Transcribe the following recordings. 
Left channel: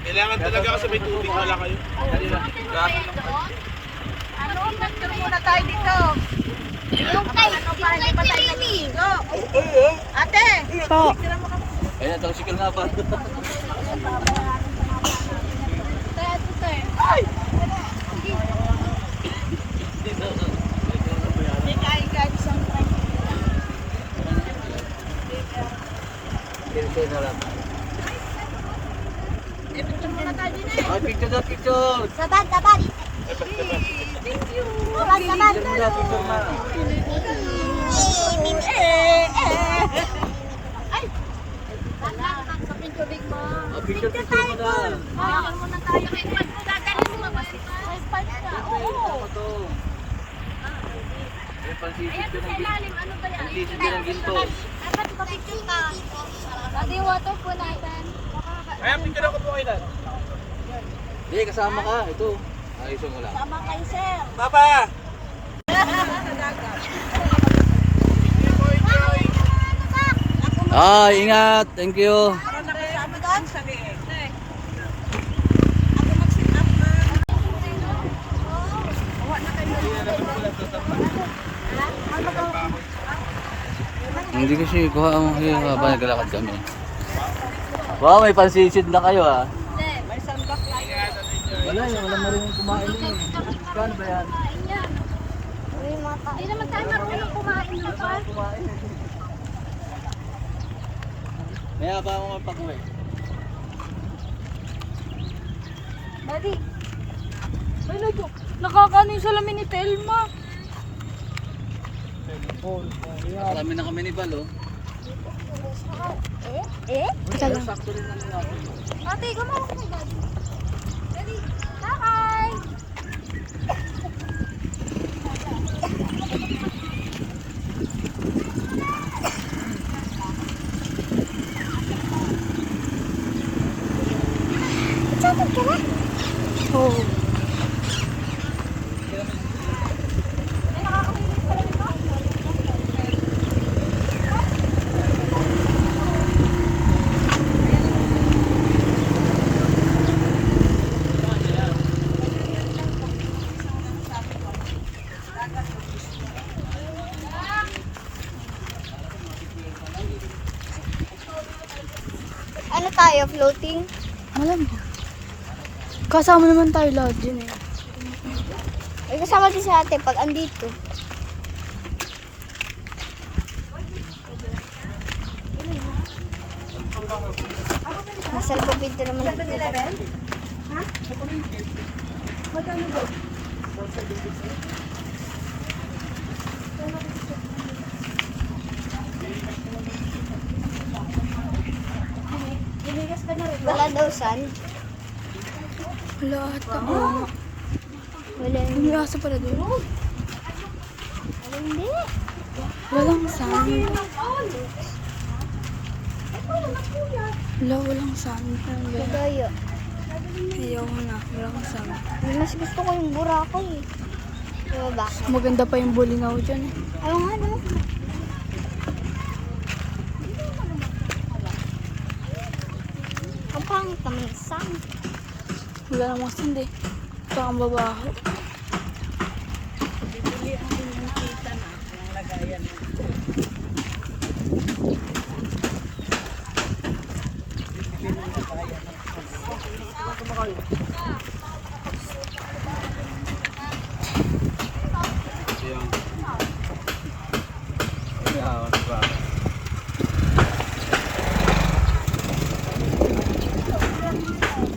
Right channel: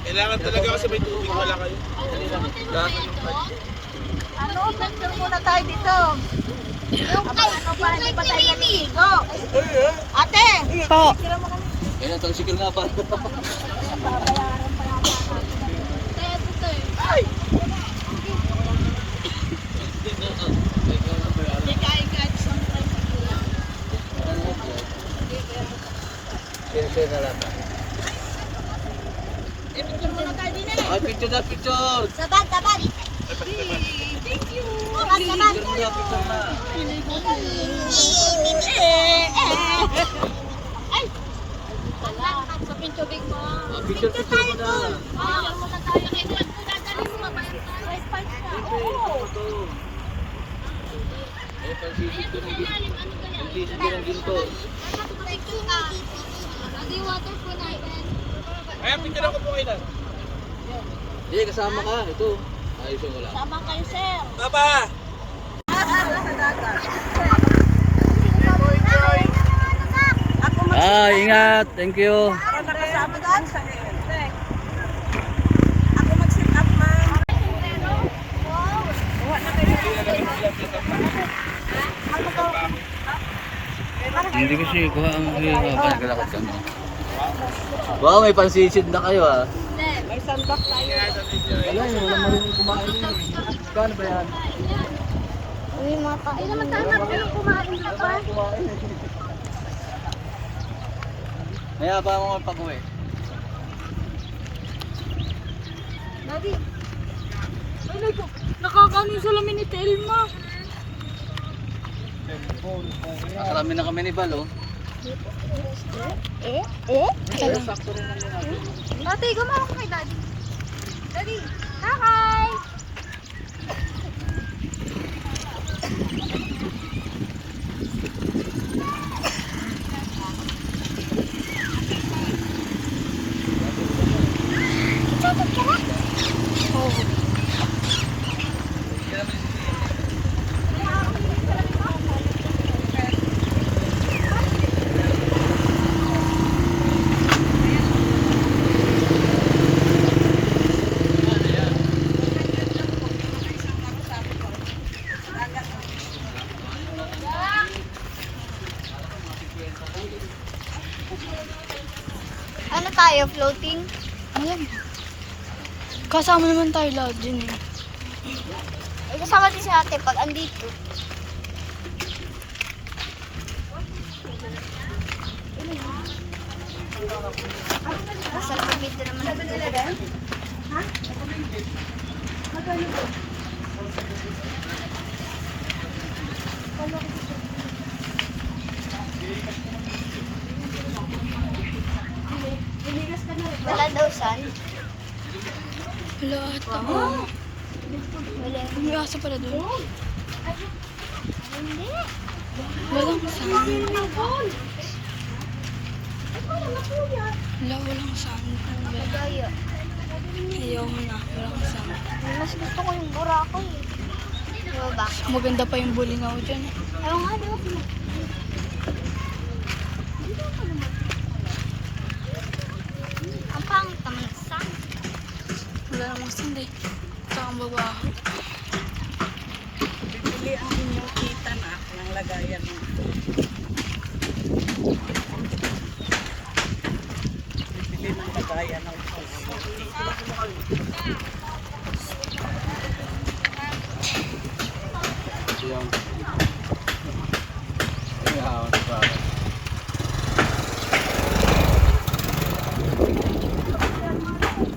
Kailangan talaga kasi may tubig wala kayo. Ano, mag-tour muna tayo dito. Yung kay Trini. Ate! Po. Ayan, tricycle nga pa. Share na lang. Picture muna tayo din eh. Ay, picture na, picture! Saban, saban. Thank you. Saban, saban. Picture na, picture na. Ay! Sa picturing mo. Picture, picture mo na. Picture muna tayo. Gagaling mo ba yun? Ay, siya. Oo. Ito. Ayan, pansisid Ayan, ko sa ng ginto. ilalim. Ano ba yan? Pansisid ko ng ginto. Ay, pati pa picture ka. Adi, water po natin. Ay, picture ako po kayo na. Hindi, kasama ka. Ito. Ayusin ko lang. Tama kayo, sir. Papa! Ingat. Thank you. Nakasama doon? Ako mag-sit up, ma'am. Hindi ko siya kuha ang habang naglalakad kami. Wow, may pansisid na kayo ah. May sandbag tayo. Wala eh, wala marunong kumain din eh. Paano ba yan? Hindi naman tayo marunong kumain na pa. Maya ba ako pag-uwi? Daddy. Ay, naku. Nakakano yung salamin ni Telma. Akarami na kami ni Bal oh. Ito lang. Daddy, gumawa ka kay Daddy. Daddy, kakay. Oo. Ano tayo, floating? Alam. Kasama naman tayo lahat dyan eh. Ay, kasama din si ate pag andito. Nasa kapito naman dito. Ha? Magkano ba? Wala daw san. Wala ata. Oo. Wala. May aso pala doon. Hindi. Walang sound. Wala, walang sound. Wala. Kaya. Ayaw ko na. Walang sound. Mas gusto ko yung Boracay eh. Diba ba? Maganda pa yung bulingaw dyan eh. Ayaw nga na. Ang pangit naman ng sun. Wala namang sound eh. Tsaka ang babaho. Bibili ang inyong kita na ng lagayan ng bibili ng lagayan ng Siyang. Ay, diba?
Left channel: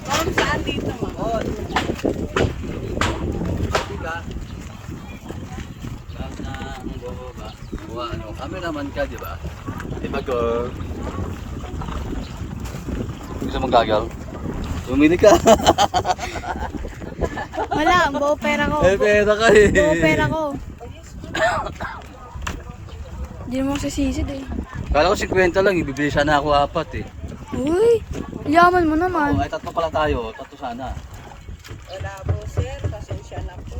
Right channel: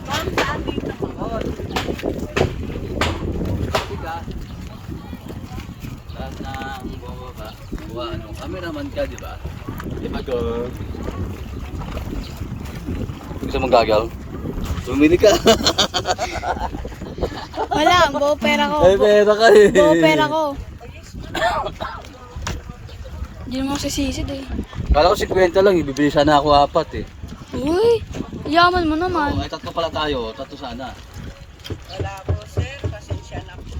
saan sa dito mo? Huli ka. Lahat ng bumaba. Buha, ano, cameraman ka, di ba? Di ba ko? Gusto mong gagal? Bumili ka. Wala, buo pera ko. May pera ka eh. Buo pera ko. Hindi naman ako sisisid eh. Kala ko 50 lang, ibibili sana ako 4 eh. Uy, yaman mo Oo, naman. ay tatlo pala tayo, tatlo sana. Wala po sir, pasensya na po.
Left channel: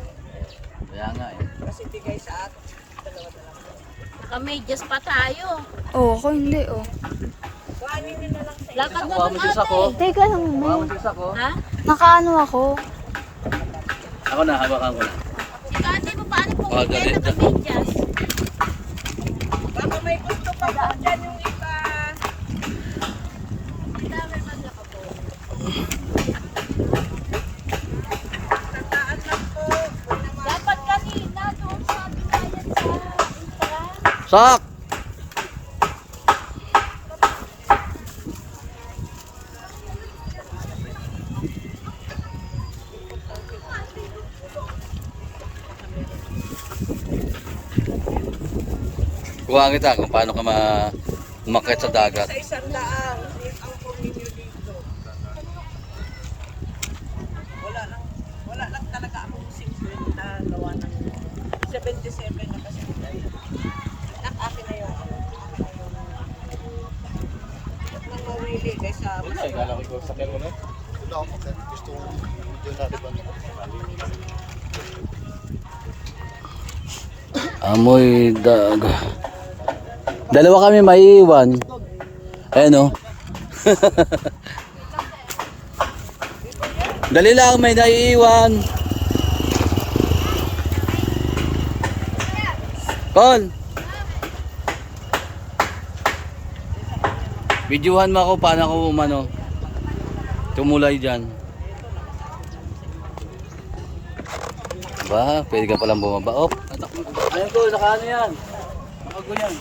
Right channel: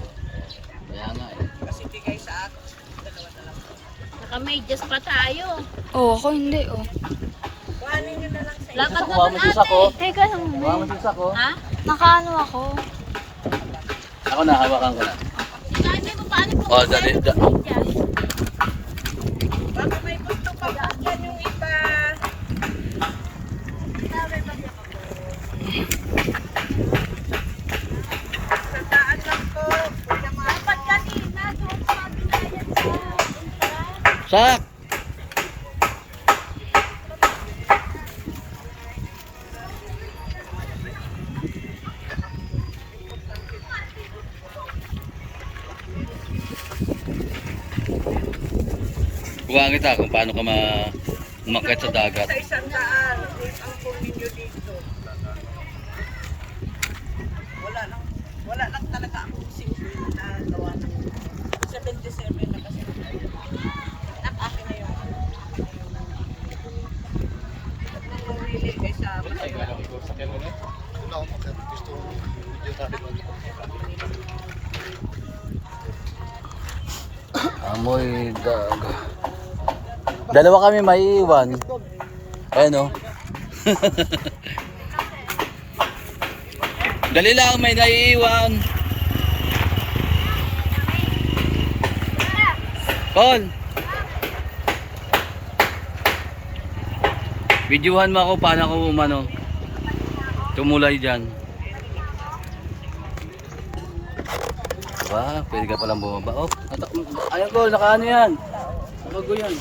Kaya nga eh. Kasi bigay sa akin, dalawa na lang po. Naka-medyas pa tayo. Oo, ako hindi oh. Kuha Kuhanin nyo na lang sa Lakad na Kuha mo doon sis ako. ate. Teka lang, Kuha mo Nene. sis ako. Ha? Nakaano ako. Ako na, hawakan ko na. Si ate mo paano po? Oh, dali. Baka may gusto pa po dyan yung iba. Tataan lang po. Dapat kanina doon sa binayan sa entrance. Sak! Kuha kita kung paano ka umakyat sa dagat. Sa isang daan. Ang kunin nyo dito. Wala lang talaga akong simple na gawa ng 77 na kasi. Akin na yun. Huwag nang mawili kaysa Kala ko ikaw sa kanya na. Amoy daga. Dalawa kami maiiwan. Ayan o. Dali lang, may naiiwan. Paul! Videohan mo ako paano ako umano. Tumulay dyan. Diba? Pwede ka palang bumaba. Oh, ano ko, nakaano yan? Nakago yan.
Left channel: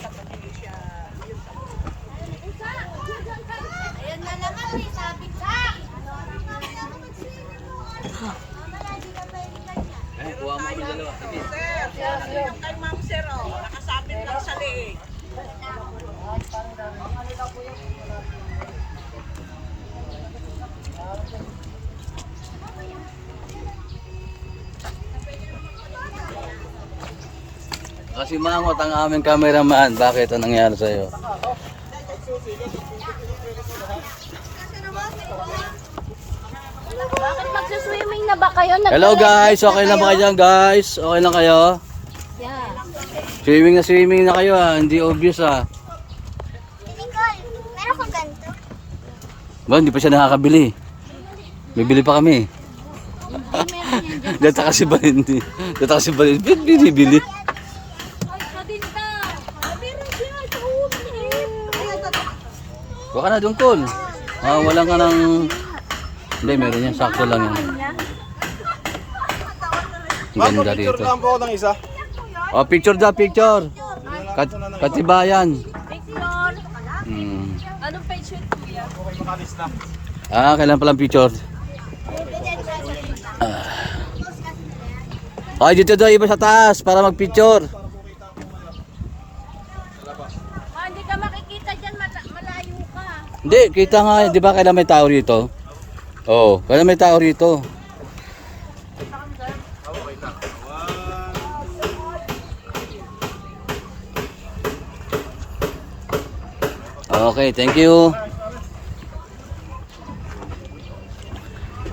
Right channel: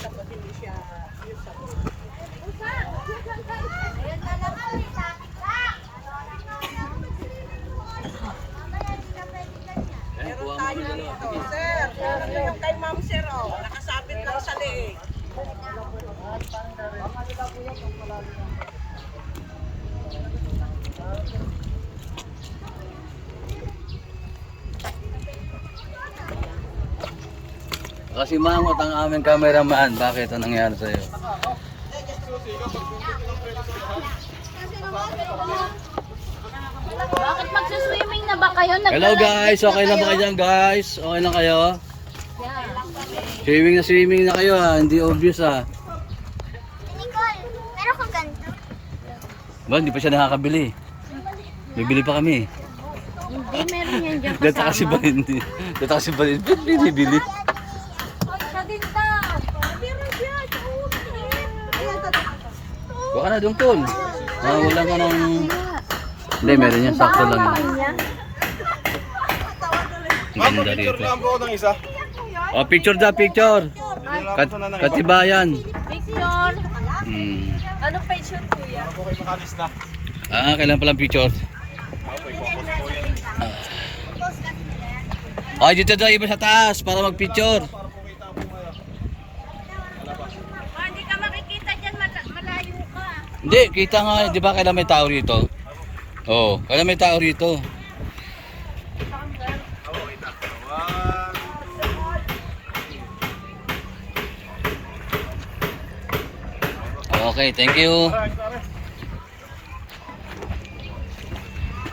Ayan na naman eh, sabi ko. Mamaya di ka pwede ganyan. Kuha mo kami dalawa. Sige. Sir, yung kay Ma'am Sir, oh, nakasabit lang sa liig. Kasi mangot ang aming cameraman. Bakit? Anong nangyari sa'yo? Bakit magsuswimming na ba kayo? Hello guys! Okay lang ba kayo dyan guys? Okay lang kayo? Swimming na kayo ha. Hindi obvious ha. Nicole, meron kong ganito. Ba, hindi pa siya nakakabili. Bibili pa kami. Hindi, meron yan dyan. Data kasi ba hindi? Data kasi ba hindi? Binibili. Sa din daw. Meron dyan. Oo, maliit. Baka na doon tol. Wala ka ng... Hindi, meron yan. Sakto lang yan. Ang ganda rito. Picture lang po ako ng isa. Oh, picture da, picture. Dinala ko sa nanay. Katibayan. Picture. Hmm. Anong page yun, kuya? Okay, makalis na. Kailan palang picture? Okay, dito daw iba sa taas para mag-picture. Hindi ka makikita dyan, malayo ka. Hindi, kita nga, di ba kailan may tao rito? Oo, kailan may tao rito? Okay, thank you.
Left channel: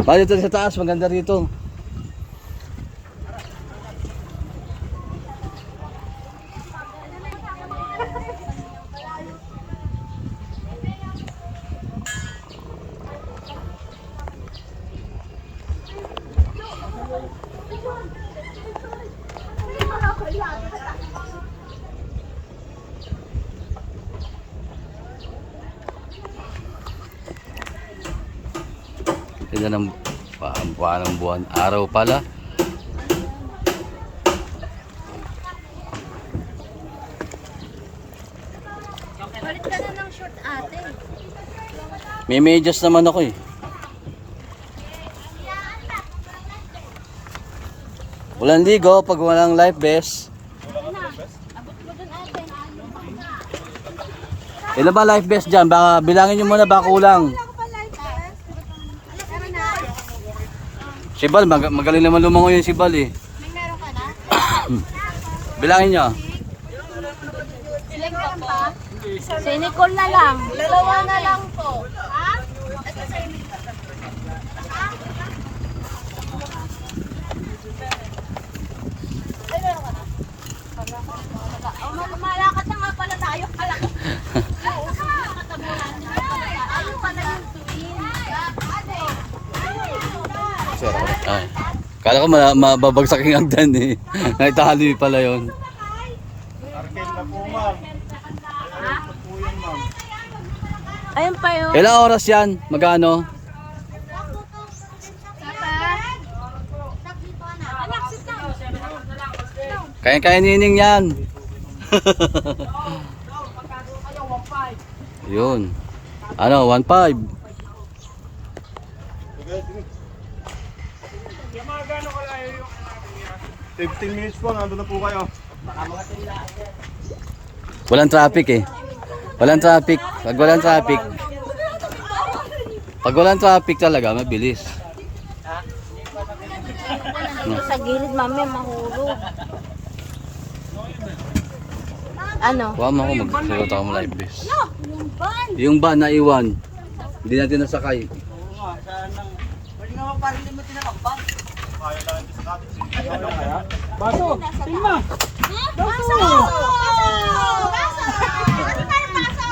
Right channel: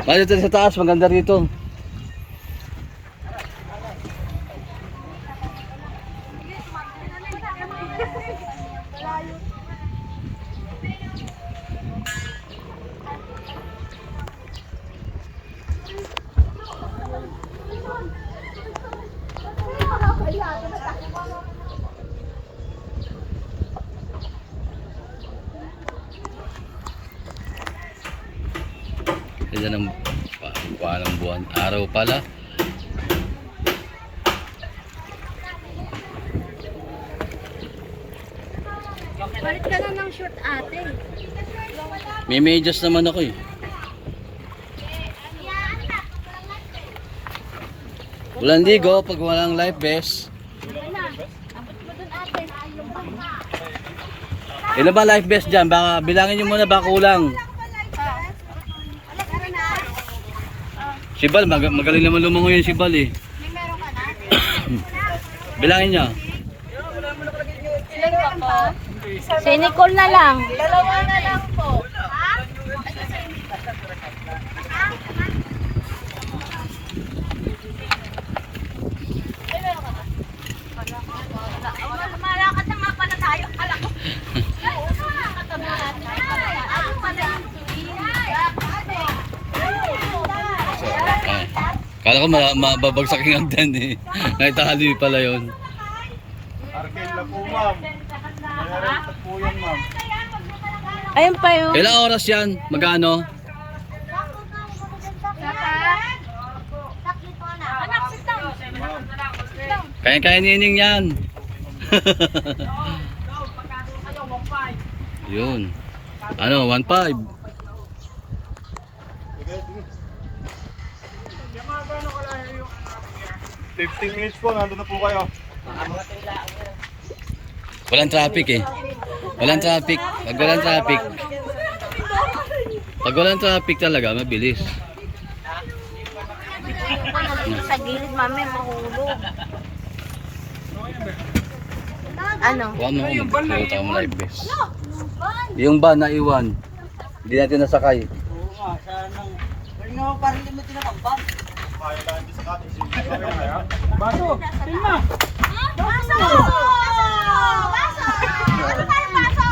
Dito sa taas, maganda rito. Yan ang buwan, araw pala. Balik ka na ng short ate. May medyas naman ako eh. Walang ligo pag walang life vest. Abot mo dun ate. Ilan ba life vest dyan? Baka bilangin nyo muna baka kulang. Si Bal, magaling naman lumangoy yun si Bal eh. May meron ka na? Bilangin nyo. Sila pa po? Si Nicole na lang. Dalawa na lang po. Ha? Malakad na nga pala tayo. Kala ko. Kala ko mababagsak yung hagdan eh. Naitali pala yun. Arcade na po, ma'am. Nangyari na po yan, ma'am. Ayun pa yun. Ilang oras yan? Magkano? Kaya nining yan. Yun. Ano, 1.5. Sige. 15 minutes po, nandun na po kayo. Walang traffic eh. Walang traffic. Pag walang traffic talaga, mabilis. Dito sa gilid, mami, mahulog. Ano? Huwag mo ako magsulat ako ng live base. Yung van na iwan. Hindi natin nasakay.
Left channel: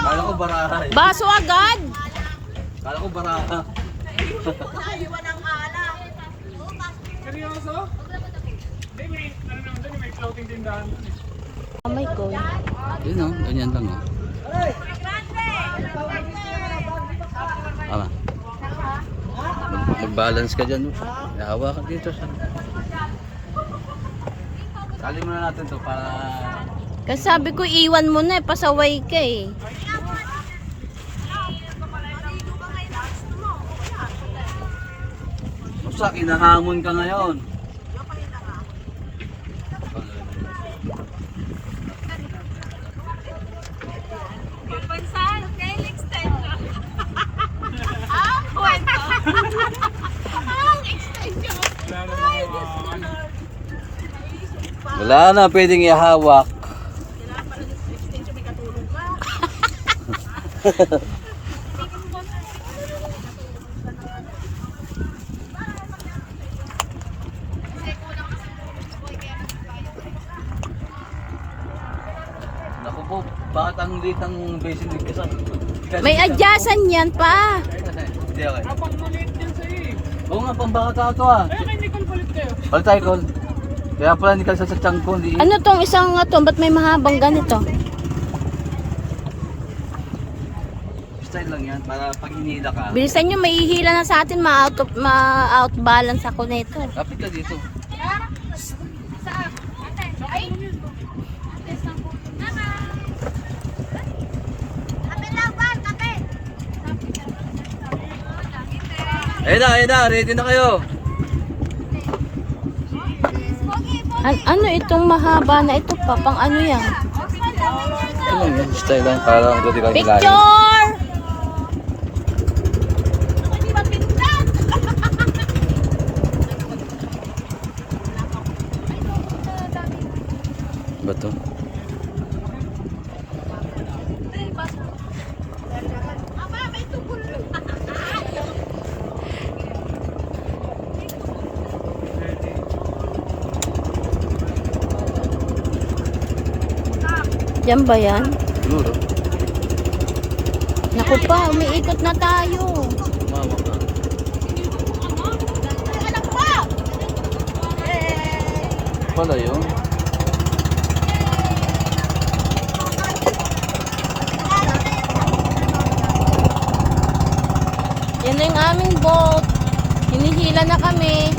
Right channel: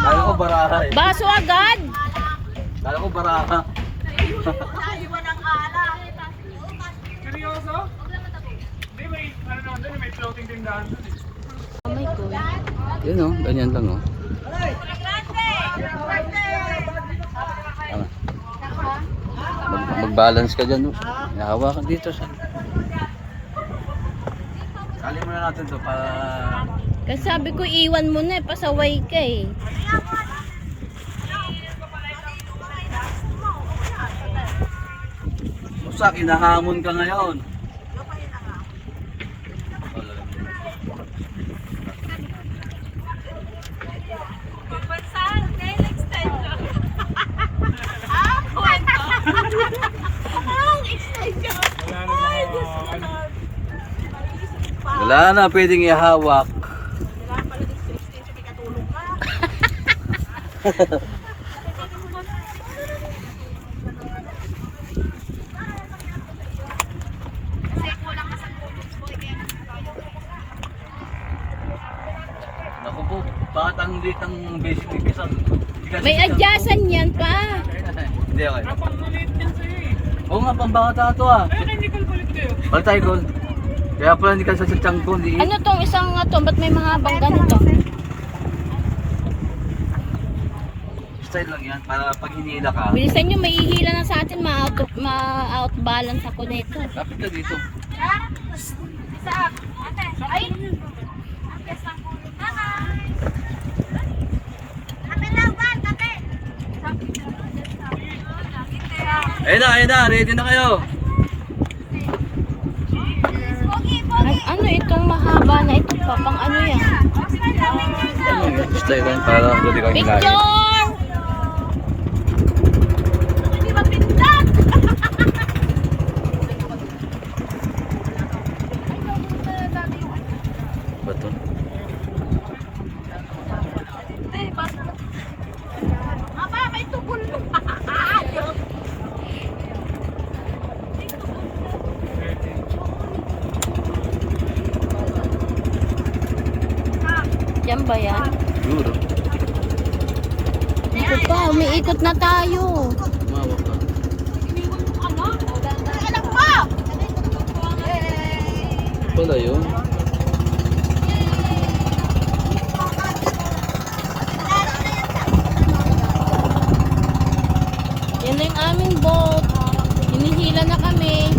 Kala ko baraha eh. Baso agad! Kala ko baraha. Seryoso? Hindi, may, ano naman doon, may floating tindahan doon eh. Oh my God. Yun o, ganyan lang o. Tama. Mag-balance ka dyan o. Nahawa ka dito sa... Kali muna natin to para... Kasi sabi ko, iwan mo na eh, pasaway ka eh. Basta kinahamon ka ngayon. Wala na pwedeng ihawak. Kailangan pala din 16 siya, may katulong ka. Naku po, bakit ang liit ang basic kasam? May adyasan yan pa. Hindi okay. Apang maliit yan sa'yo eh. Oo nga, pambata ito ah. Ay, kay Nicole palit kayo. All tayo gold. Kaya pala hindi ka sa tiyang ko, hindi. Ano tong isang nga to? Ba't may mahabang ganito? Style lang yan, para pag hinila ka. Bilisan nyo, may ihila na sa atin, ma-outbalance ako na ito. Kapit ka dito. Ayun na, ready na kayo. Ano itong mahaba na ito pa? Pang ano yan? Style lang, para hindi ka Picture! Hindi ba pindag? Bato. Aba, may tubol na. Yan ba yan? Duro. Naku pa, umiikot na tayo. Umawak ka. Anak pa! Pala yun. Yan na yung aming boat. Hinihila na kami.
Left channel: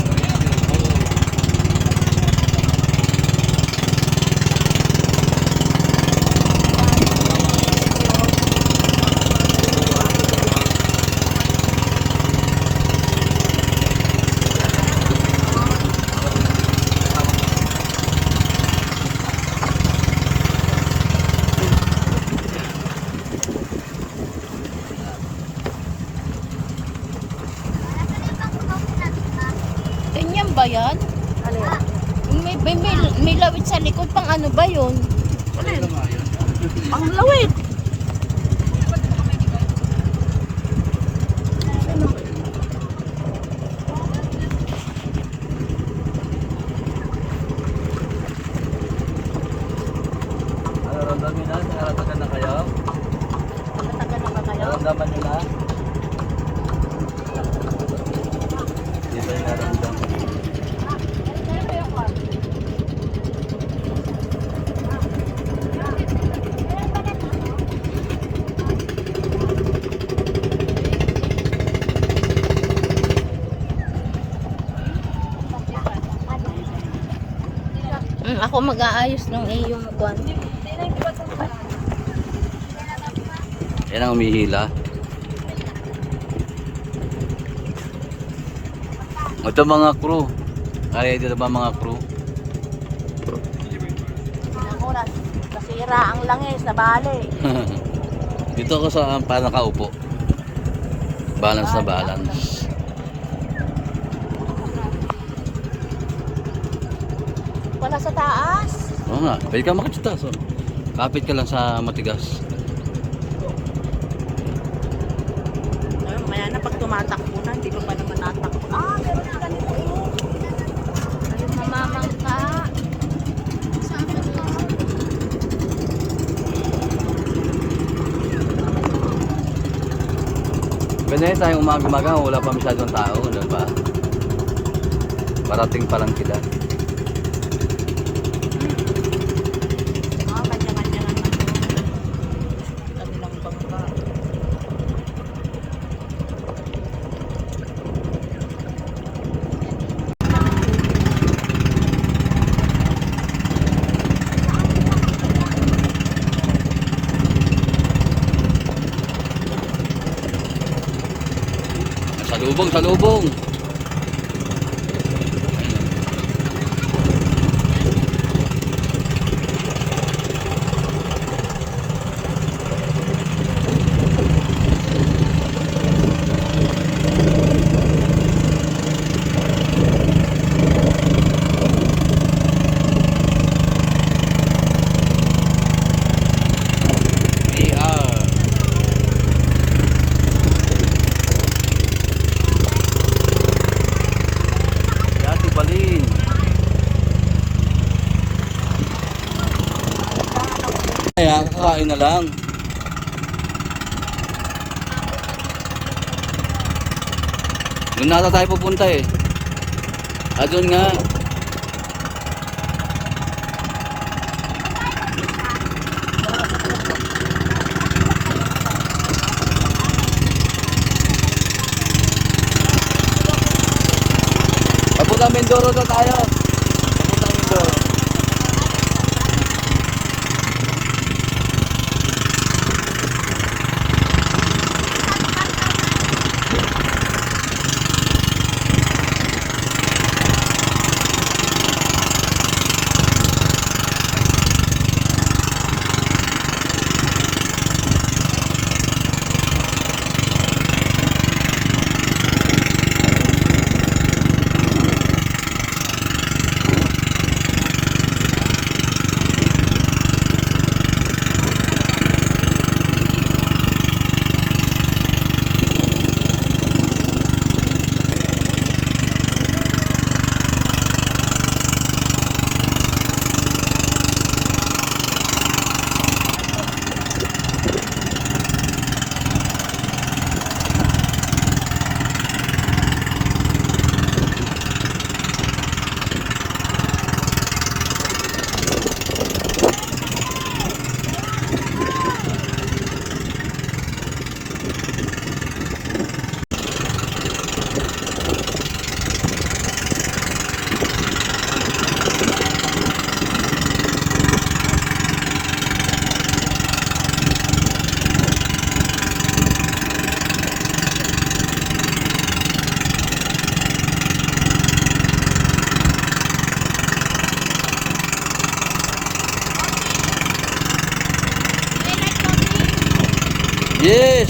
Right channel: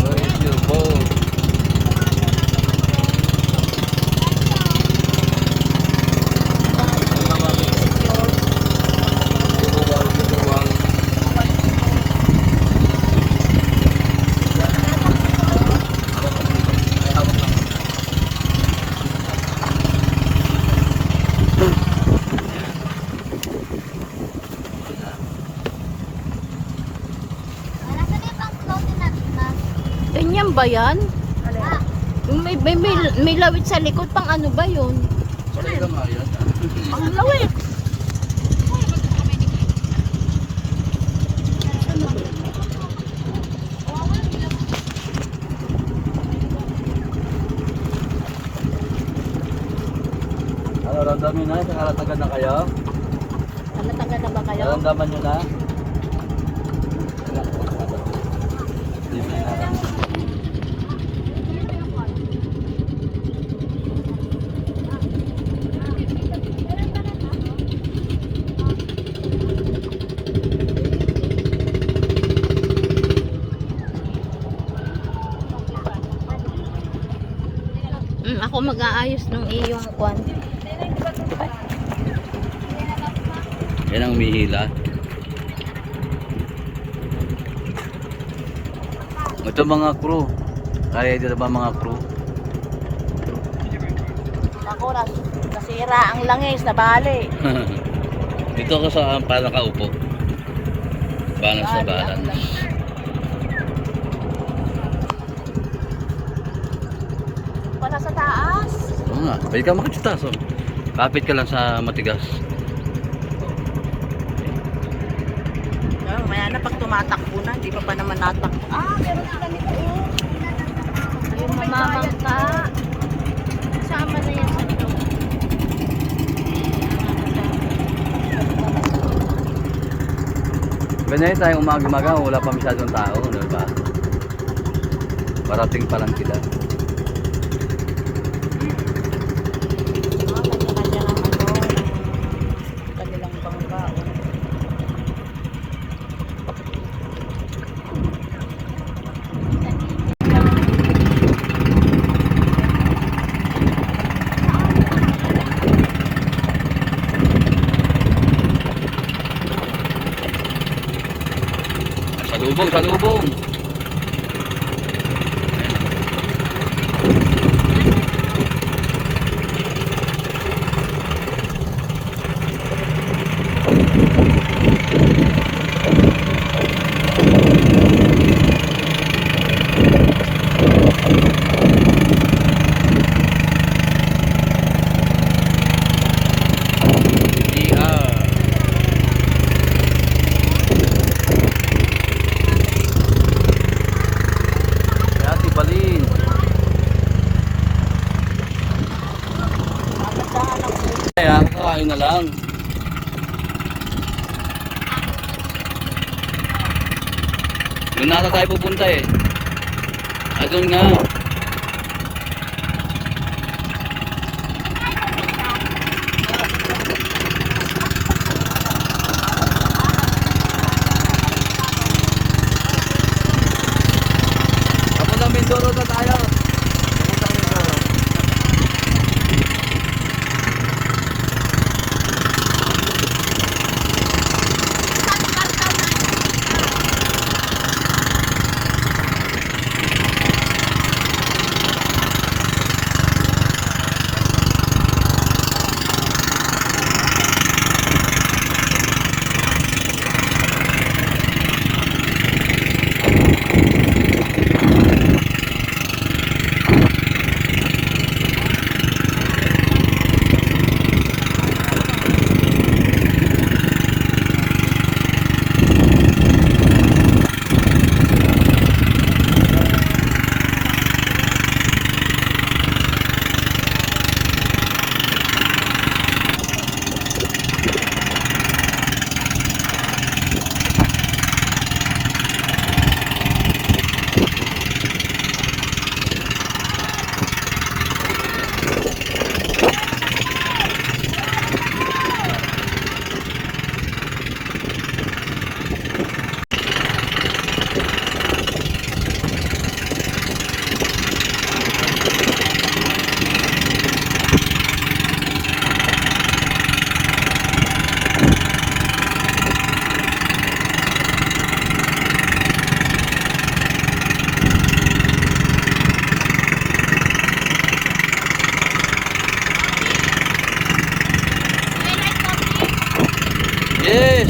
Ganyan ba yan? Yung may lawit sa likod, pang ano ba yun? Pala nga yan. Ang lawit! Ramdamin na, nakaratagan na kayo? Naramdaman nyo na? Di ba yung naramdaman? Ako mag-aayos ng iyong kwan. Yan ang umihila. Ito mga crew. Kaya dito ba mga crew? Ako, nasira ang langis na bali. Dito ako sa parang nakaupo. Balance na balance. Wala sa taas. Oo nga, pwede ka makachita. So, kapit ka lang sa matigas. Maya na pag tumatakbo na, hindi pa naman natakbo. May bayad ka. Kasama na yan sa flow. Ganyan tayong umaga-umaga, wala pa masyadong tao, ano ba? Parating pa lang sila. Kanya-kanya lang ano. Kanilang bangga. Salubong, salubong! Balin. Kaya kakain na lang. Doon na tayo pupunta eh. Doon nga. Papuntang Mindoro na tayo. Papuntang Mindoro. Yes!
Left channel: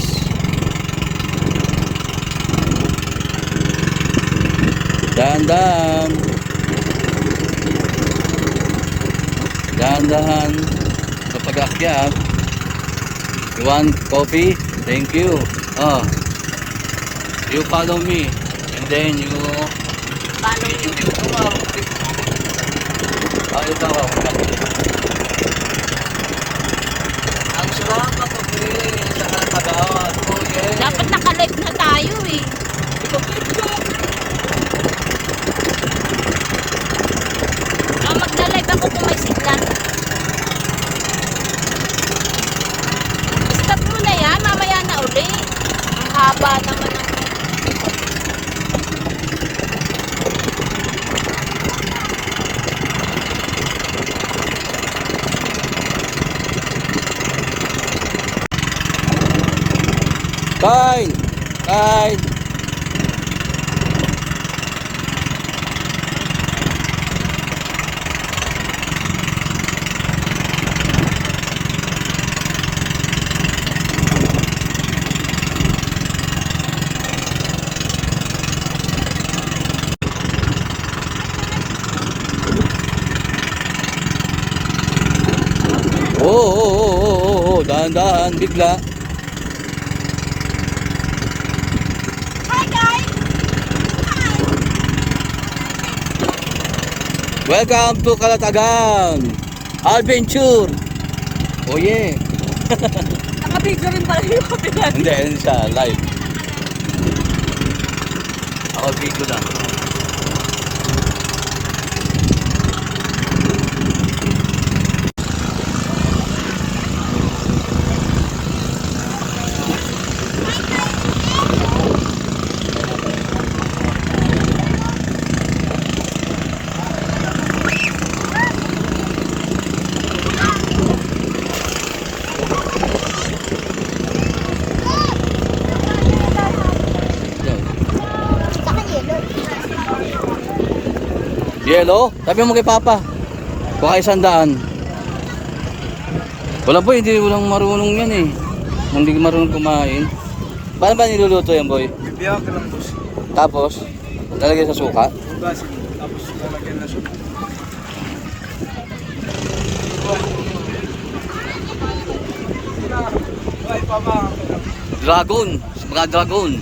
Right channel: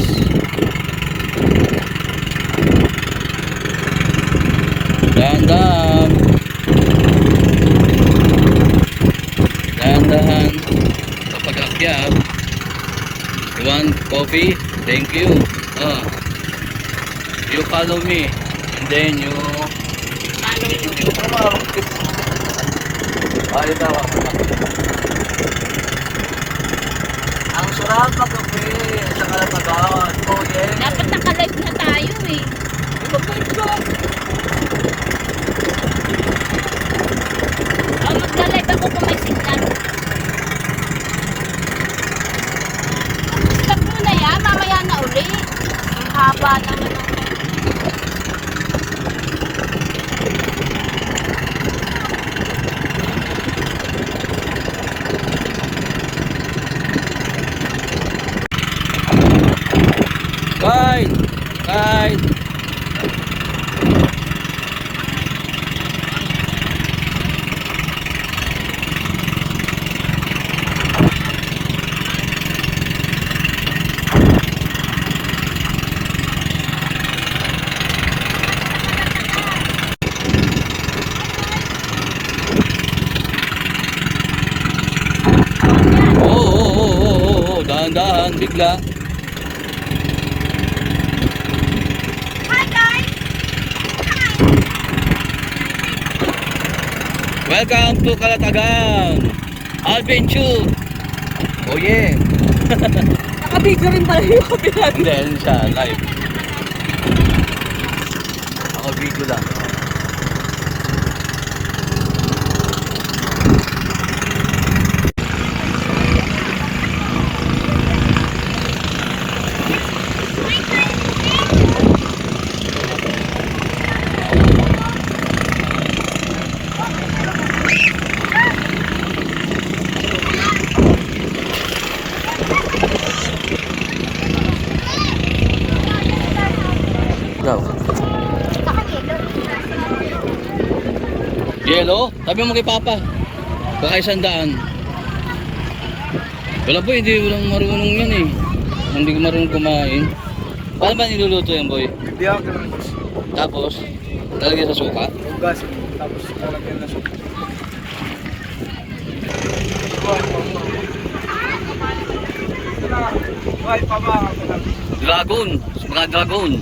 Dahan-dahan. Dahan-dahan. Kapag akyat. You want coffee? Thank you. Oh. You follow me. And then you... Follow you. Oh, ito ako. Ang sarap mag-kape sa Kalapagan. Oh, yeah. Dapat naka-live na tayo eh. Di ba live ka? Magla-live ako kung may siglan. Stop mo na yan, mamaya na uli. Ang haba naman. Kyle! Kyle! Oo, dahan-dahan, bigla. Hi guys! Welcome to Calatagan Adventure. Oh yeah. Nakabigyo rin tayo. Hindi, hindi siya live. Ako video lang. Go. Yellow? Sabi mo kay Papa. Baka 100. Wala boy, hindi walang marunong yan eh. Hindi marunong kumain. Paano ba niluluto yan boy? Bibiyak lang boss. Tapos, lalagyan sa suka. Hugasin. Tapos lalagyan na suka. Ay, pama ako lang. Dragon, mga dragon.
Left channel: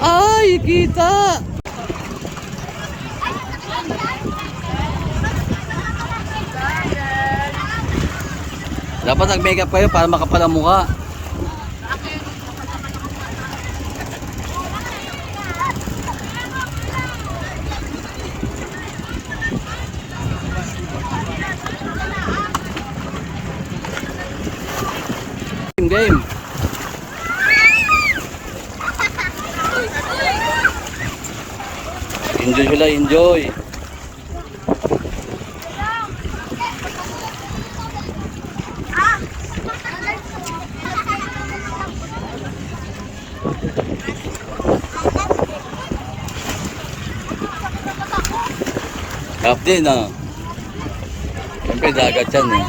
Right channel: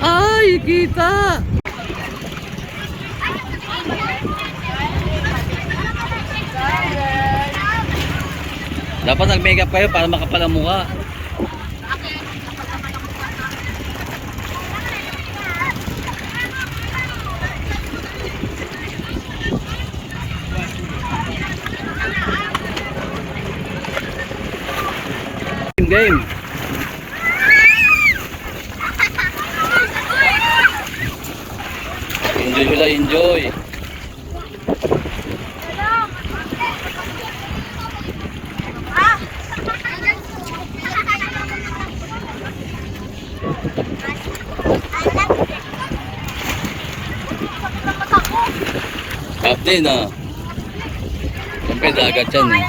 Ay, kita! Dapat nag-makeup kayo para makapal ang mukha. Game. Enjoy sila, enjoy. Up din ah. Siyempre dagat yan eh.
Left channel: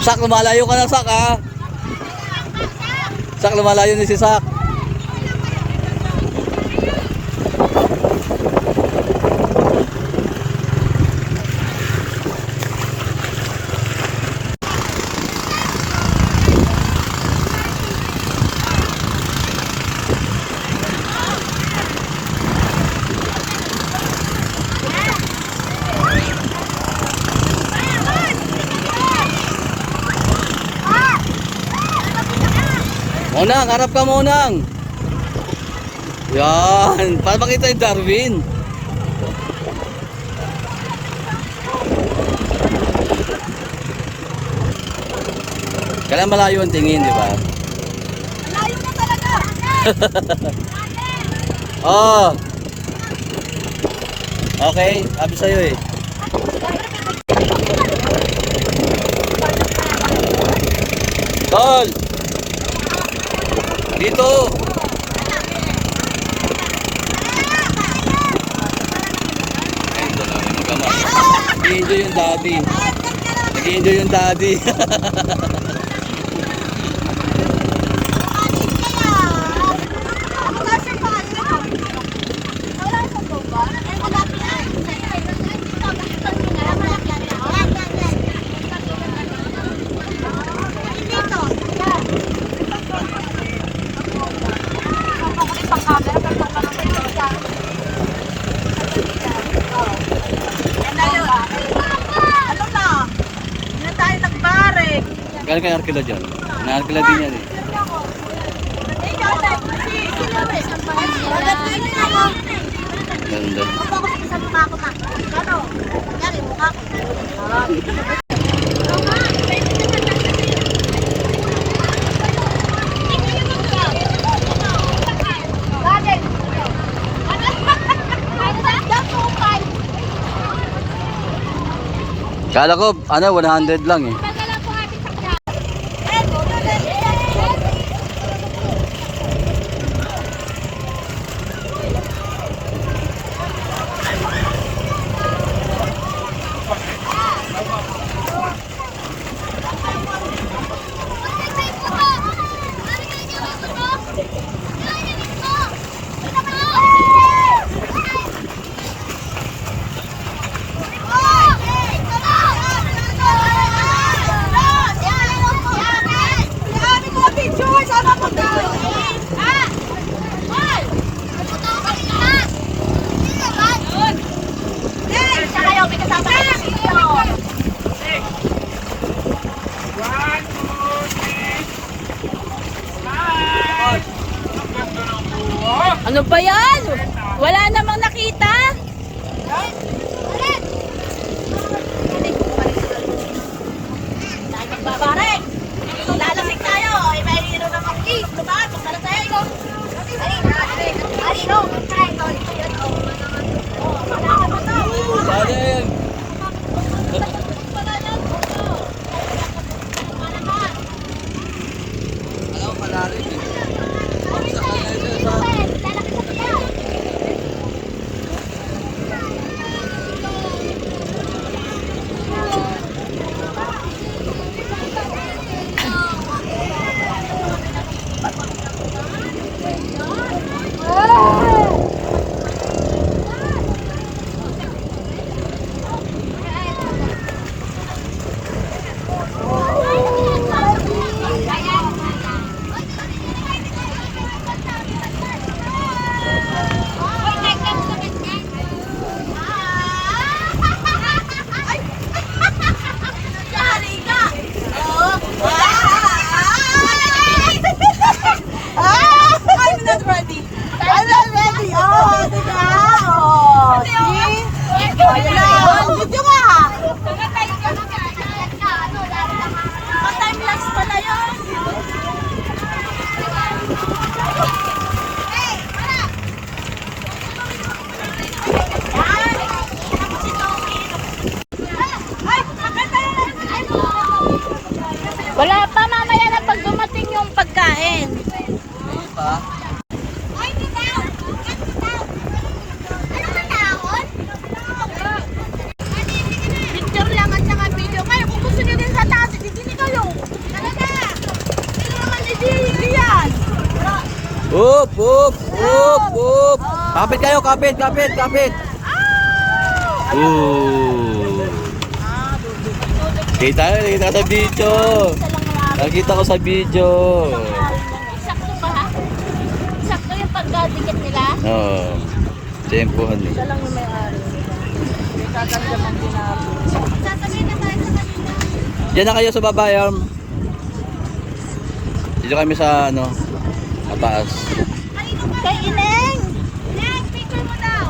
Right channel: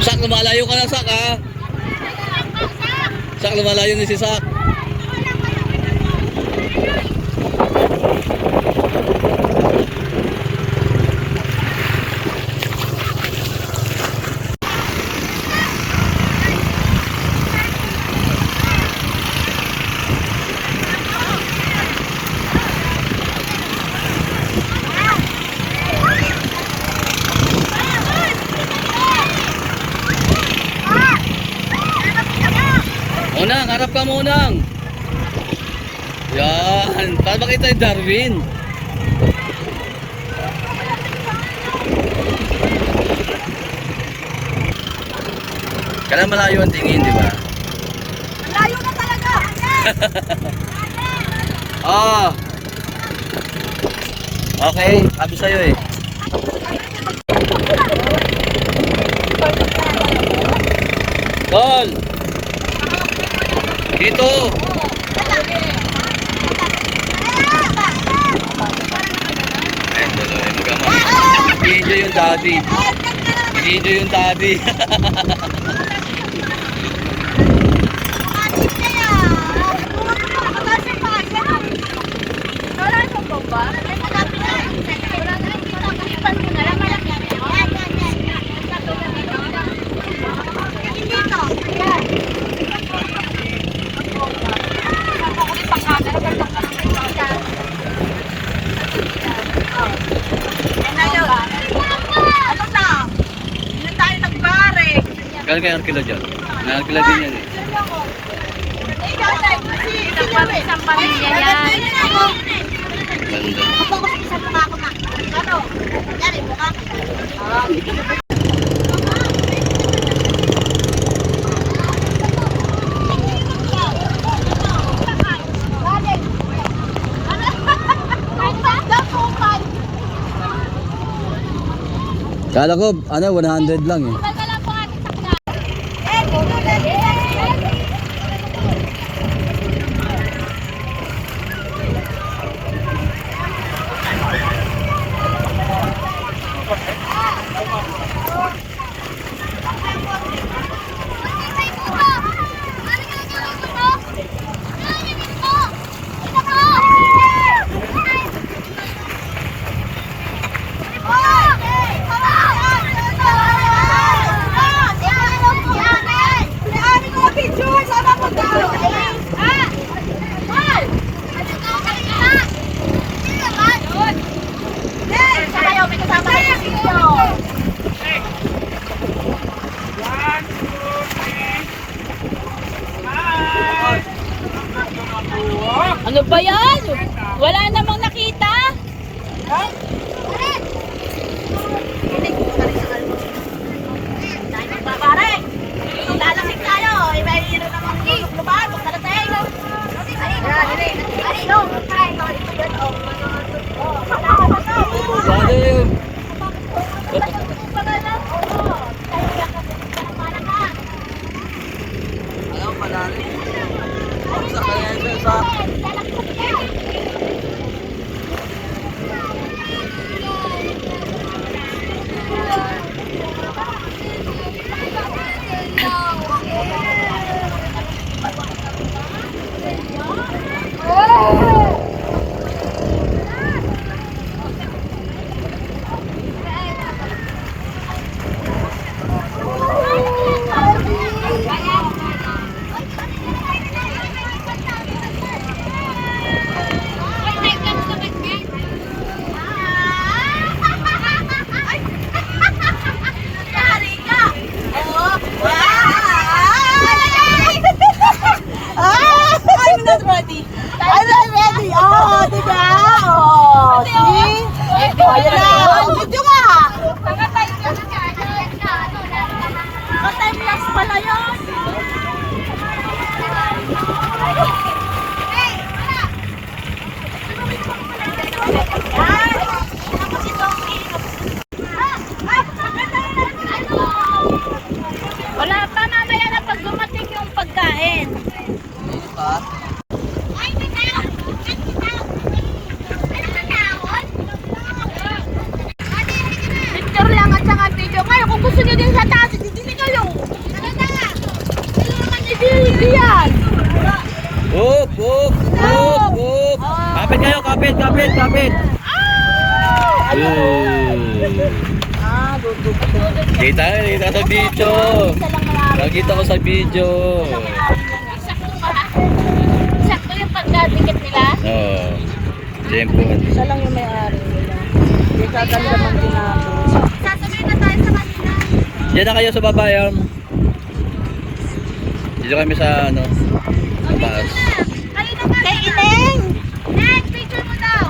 Sak, lumalayo ka na, Sak, ha? Sak, lumalayo ni si Sak. Monang, harap ka Monang. Yan, para makita yung Darwin. Kailan malayo ang tingin, di ba? Layo na talaga! Ah. Okay, sabi sa'yo eh. Tol! Dito! Ayun, dalawa yung mag-ama. Nag-i-enjoy yung daddy. Nag-i-enjoy yung daddy. Galing kay Arkila dyan. Na-Arkila din yan eh. Isang pamilya yan. Ganda. Kala ko, 100 lang eh. Ano ba yan? Wala namang nakita. Tayo magbabarek. Lalasing tayo. May hiro namang lubat. Magkalatay. Salim! Alam ko malalim eh. Sa kanya ito sa... Wala pa, mamaya na pag dumating yung pagkain. Hindi pa. Picture lang at saka video. Kayo, kung gusto nyo din sa taas, hindi kayo. Talaga. Kailangan hindi yan. Up! Up! Up! Up! Kapit kayo! Kapit! Kapit! Kapit! Kita sa video. Nakita ko sa video. Sakto ba? Sakto yung pagkabigit nila? Oo. Tempohan eh. Siya lang yung may-ari. Sasabihin na tayo sa kanila. Diyan na kayo sa baba, Dito kami sa ano, sa taas. Kanina ba? Kay Ineng! Ineng, picture mo daw.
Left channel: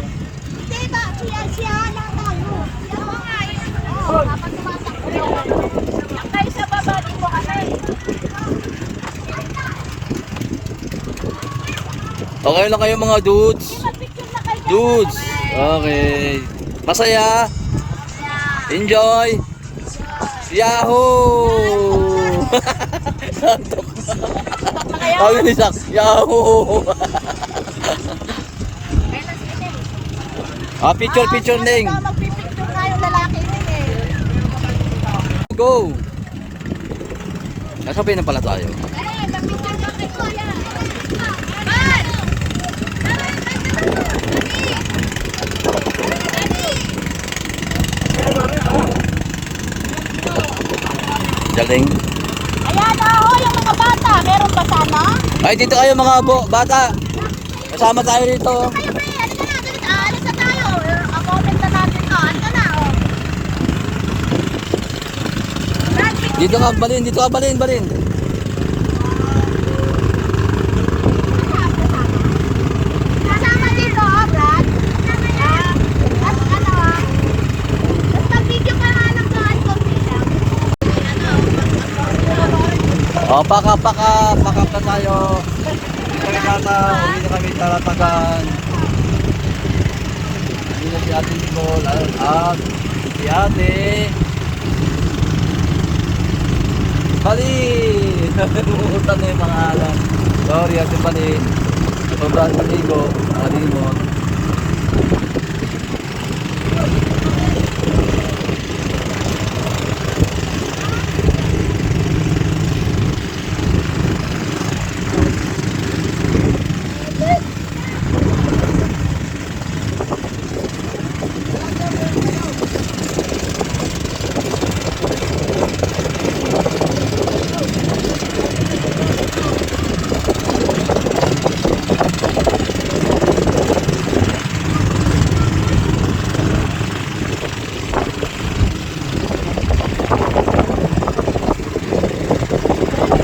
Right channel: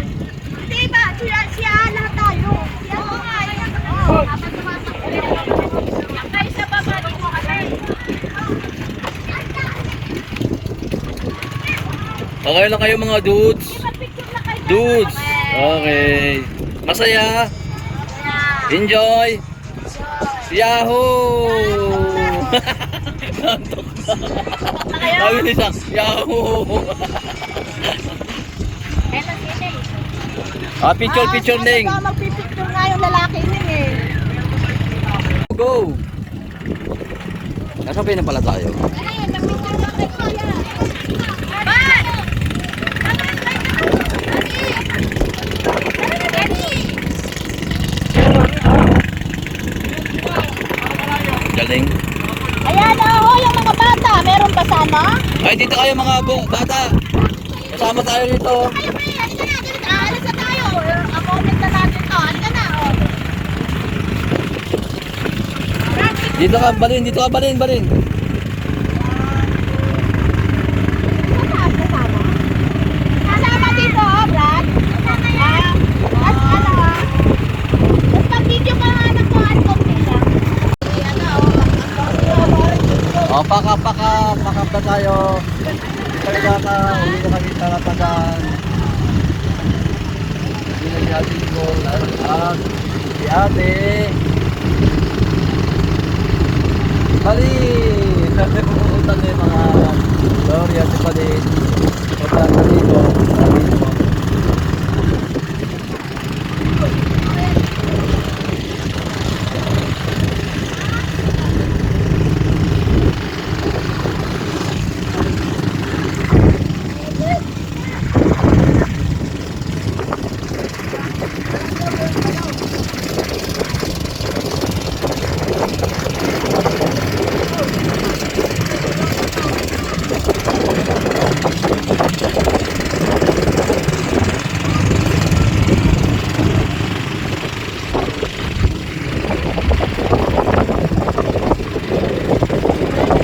Diba? Siya lahat tayo. Siya mo nga. Oo, dapat sumasakto. Kaya sa baba dito kami. Okay lang kayo mga dudes. Picture na kayo. Dudes. Okay. Masaya. Enjoy. Yahoo! Nantok na. Ayun isa. Yahoo! Picture, Ning. Magpipicture nga yung lalaki Ineng eh. Go! Nasabay na pala tayo. Aray, magpicture na kayo kuya. Galing. Ayan ako yung mga bata. Meron pa sana? Ay, dito kayo mga bata. Kasama tayo dito. Kayo pre, ano na? Alis na tayo. Comment na natin to. Ano na? Brad, picture Dito ka, balin, dito ka, balin, balin. Kasama dito, Brad. Kasama yan. At ano ha? At mag-video ka nga ng mga konti lang. O, pakap na tayo. Dito kami data, uwi na kami sa Latagan. Uwi na si Ate Nicole at si Ate Bali! Umuutan na yung mga anak. Sorry Ate Bali. Sobrang kaligo, nakalimot.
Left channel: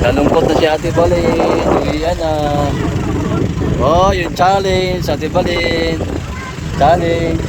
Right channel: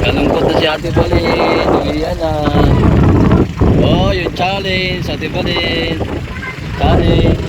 Nalungkot na si Ate Balin. Uwian na. Oh, yung challenge. Ate Balin. Challenge.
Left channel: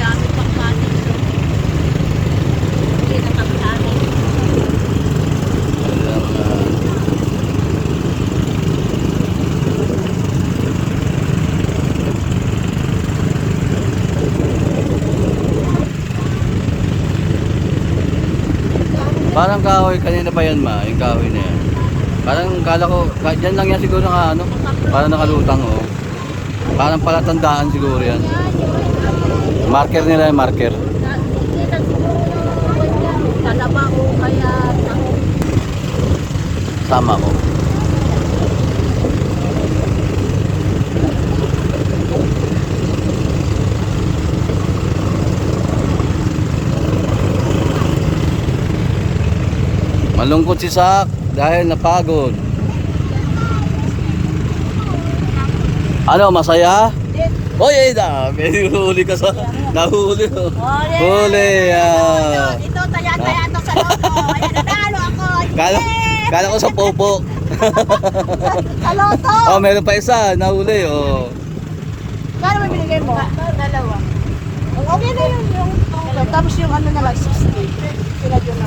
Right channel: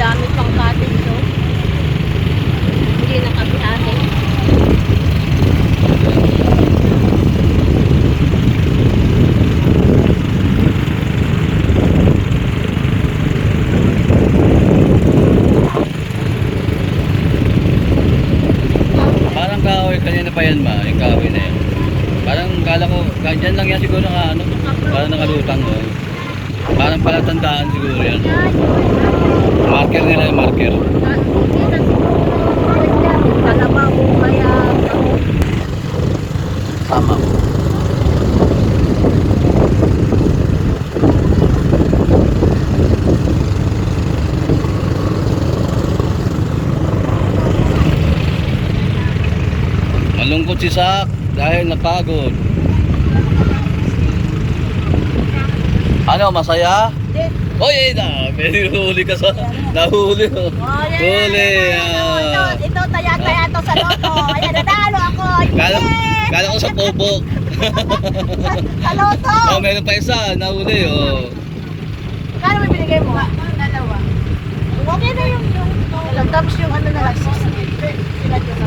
Dami pang kanin to. Hindi na kami namin. Parang kahoy, kanina pa yan ma, yung kahoy na yan. Parang kala ko, dyan lang yan siguro naka ano, parang nakalutang oh. Parang palatandaan siguro yan. Marker nila yung marker. Kalabaw kaya Sama ko. Malungkot si Sak dahil napagod. Ano, masaya? Oy, ay dami. Huli ka sa... Nahuli. Huli. Ito, taya-taya to sa loto. Ayan, nanalo ako. Kala ko sa popo. Sa loto. Oh, meron pa isa. Nahuli, oh. Kano na binigay mo? Dalawa. Okay na yung... Tapos yung ano na, 60. Sinadyo mo.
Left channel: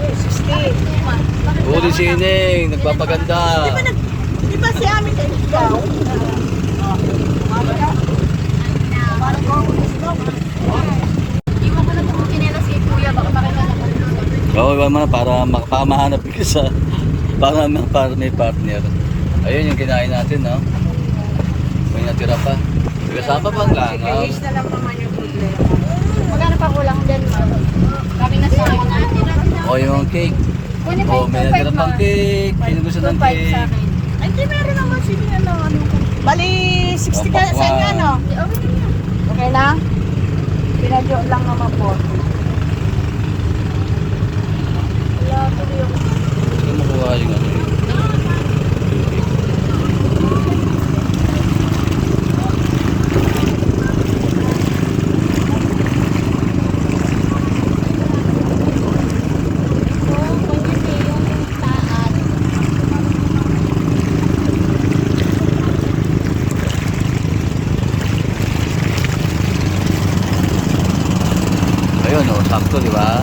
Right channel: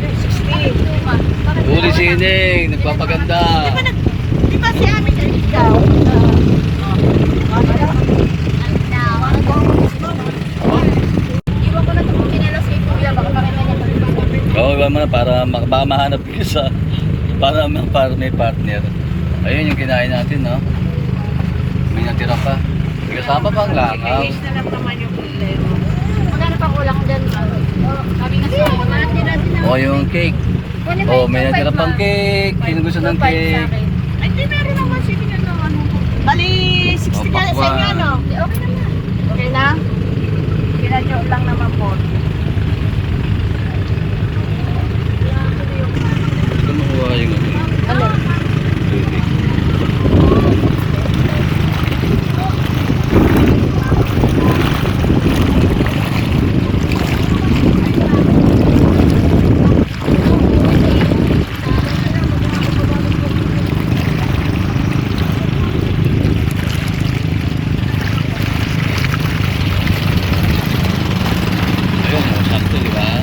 60. Huli si Ining. Nagpapaganda. Di kasi amin na ikaw. Iwan ko na itong chinelas kay Kuya. Baka makikita. Oo, iwan mo na para mahanap ka sa... Para may partner. Ayun yung kinain natin, no? May natira pa. May kasama pang langaw. Iis na lang naman yung problema. Magkano pa kulang dyan? Kami na sa O, yung cake. O, may natira pang cake. Sino gusto ng cake? Ay, di meron naman. Sige na lang. Bali, 60 ka sa inyo, ano? Okay na? Ginadyoke lang naman po. Ito makuha yung ano yun. Tubig. Ayun, oh, sakto, di ba?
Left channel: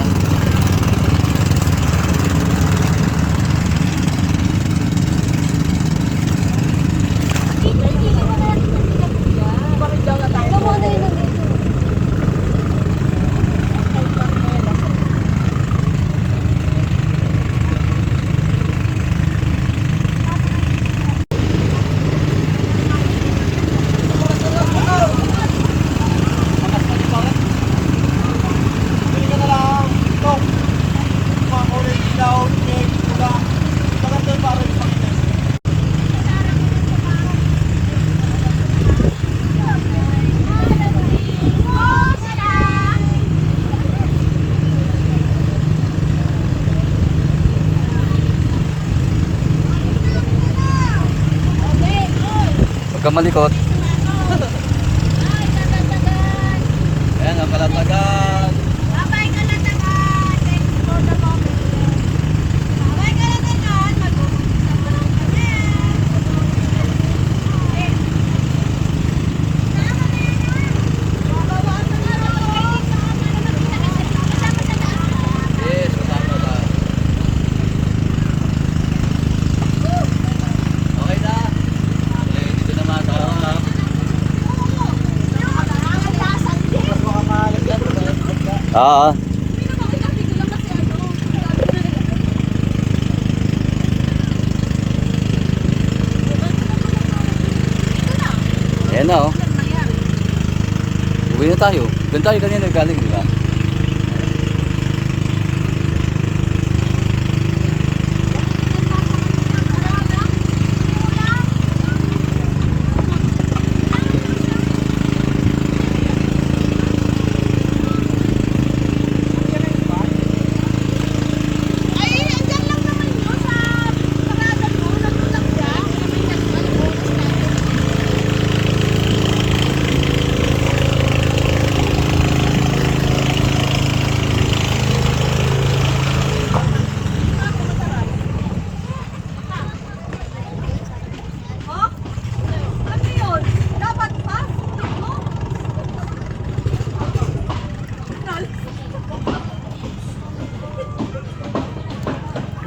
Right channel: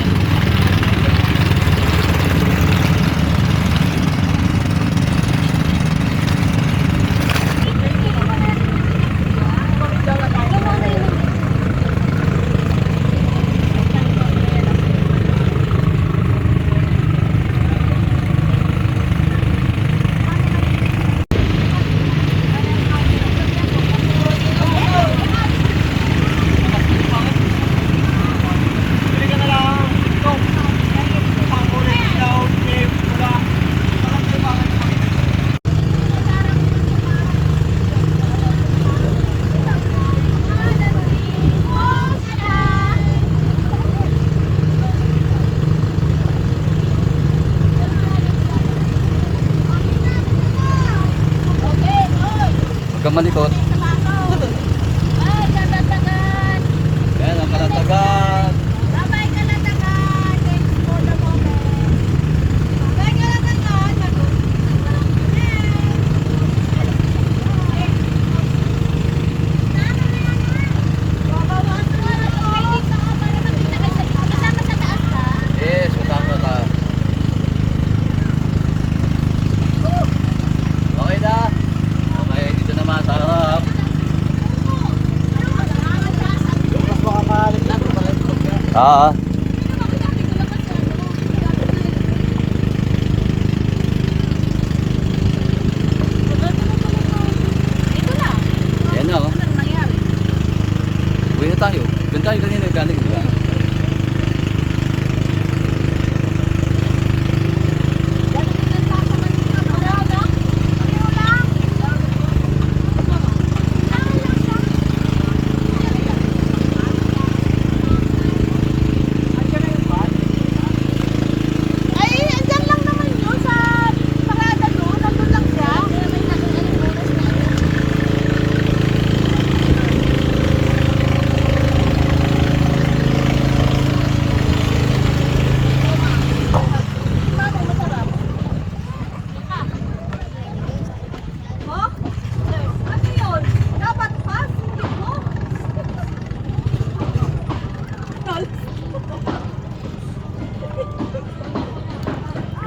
Huwag kang malikot. Ay, Kalatagan. Ayan ang Kalatagan. Bye-bye, Kalatagan. Thanks for the moment. Bye, Kalatagan. Mag-umpisa mo lang kami. Babawasan mo na ito. Kasama sa taas ka. Yes, kasama ka. Okay na. Okay, dito naman sa harap. Ah, yan na oh. Uwi na tayo. Doon tayo kanina galing, di ba? Ay, andyan lang naman yun sa parada doon. Nandun lang siya. May nagong anong oras na yun. Mo? Ano yun? Dapat pa? Sulit mo?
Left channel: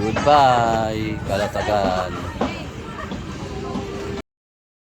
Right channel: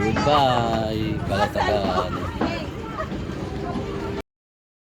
Goodbye, Kalatagan.